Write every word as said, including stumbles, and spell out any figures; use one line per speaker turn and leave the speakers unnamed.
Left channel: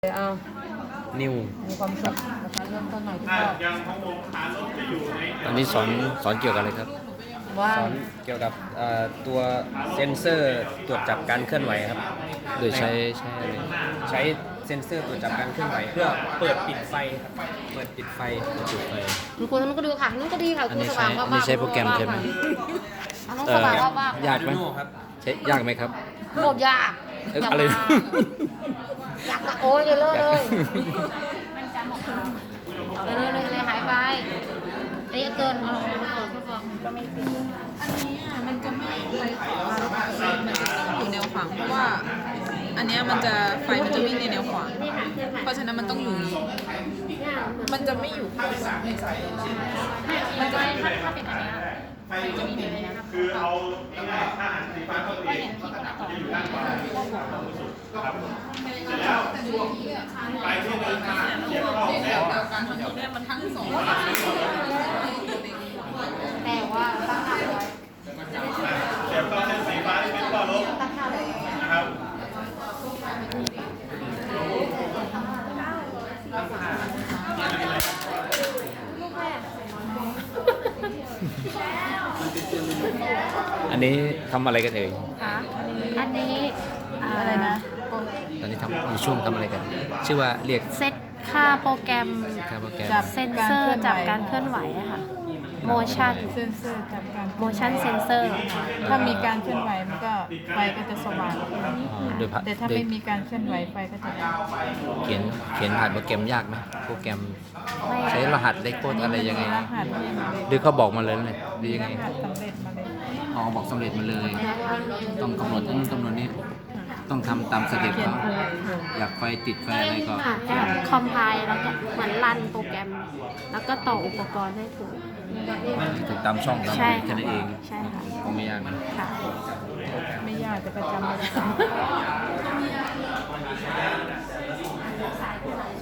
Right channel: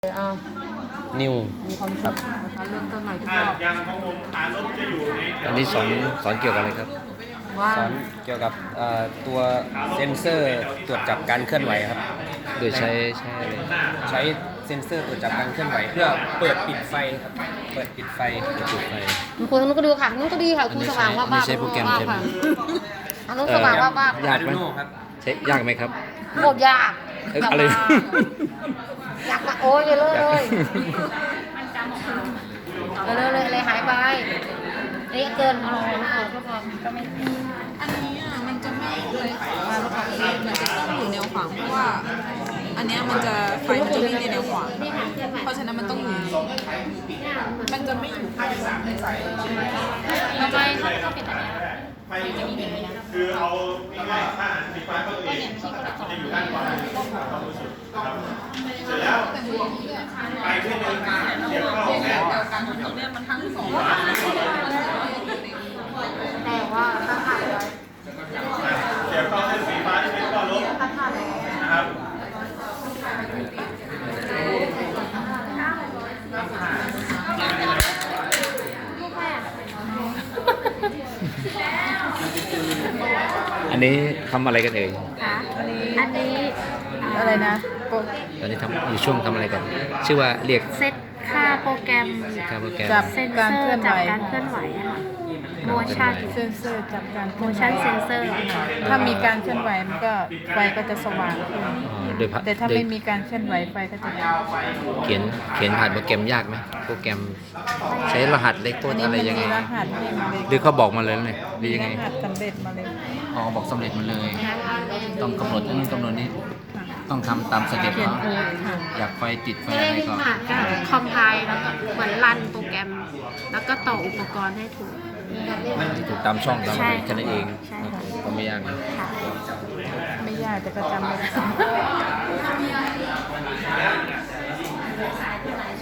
อ่า
นิว
มีความ
ครั
สุ
บ
ขนะคะเริ่มต้นใหม่ทุกรอบ
ตอนนี้สอนสอนเกี่ยวกับอะไรครับ
ว่า
สอนเกี่ยวกับเอ่อตัวเซ็นเซอร์ตรวจจับการเคลื่อนไหวครับ โดยใช้ใช้อะไรใช้เซ็นเซอร์ตรวจจับการเคลื่อนไหวเพื่อเปิดปิดไฟครับเปิดปิดไฟเปิดปิดไฟ
คุณครูนุ้นก็ดูค่ะนุ้นก็ดีค่ะ
อันนี้
คุณสว่าง
ใช้
ว่า
อันนี้ใช้โปรแกรมใช่ไหม
นุ้นสว่างว่าบ้า
ยากไหม
Arduino ครับ
ใช้ยากไหมครับ
โคตรยาก
เอ้ยอะไร
ยากมากอยากมาโอ้ยเลยเลยเลยเลยเลยเลยหายไปนี่เกินก็ไม่ติด
อันนี้อ่ะมันจะไม่ไปขวามันจะต้องอยู่แนวขวางเพราะว่า อันเนี้ยมันจะไฟมันจะวิ่งในแนวขวางเพราะฉะนั้นมันต้องอยู่นี้มันจะไม่อยู่ข้างบนในสาย
มันจะถ้าถ้าเป็นอันเนี้ยมันจะมีแบบนี้นะครับคือเอาก็เนี่ยพี่ก็จะต่อก็บอกเรา
แต่ว่าตั้งค่าไว้
เสียบเข้าเส้นสีฟ้าที่เป็นข้อลบนะครับ
อันนี้ทำอะไรกันเอ่ย
อันนี้
อะไรนะ
ตอนนี้ทำอยู่ช่วงทำอะไรกัน ชื่อว่าเรียก
เซตค่าโปรแกรม
ค่าโปรแกรม
จับ
เซนเซ
การ
อ
เคลื่อน
ร์
ไหว
จับการเคลื่อนไหวอะค่ะ motion
เซนเซอร์จับการเคลื่อนไหว
motion sensor
ถ้ามีการเคลื่อนไหวมันก็ไฟก็จะสว่างขึ้น
อ๋อโดยพะ
แต่ถ้า
โดย
ไม่มีการเคลื่อนไหวไฟก็จะดับ
เขียนเขียนผ่านโปรแกรมยากไหมโปรแกรมใช้รหัสเลขโค้ดอะไรยังไง
รหัสเล่นเลย
หรือเขาบอกมาเลยเลยหรือยังไง
รหัสสำเร็จมาเลย
อ๋อบอกสำเร็จมาเลย ต้องกำหนดอันนั้นกำหนดนี้ต้องทำตามสเต็ป
เขียน
เขา
เองเลย
อยากไฟติดไฟอะไรก็
ค่ะก็คอมไพล์แล้วก็เหมือนรันโปรแกรม แล้วก็ต่ออุปกรณ์ให้ถูก
ถูกตามช่องตามอะไรแค่นั้นเอง
ใช่ค่ะ
ก็ไม่ยากนะ
ค่ะ
ไม่ยากแต่ก็จำไม่ได้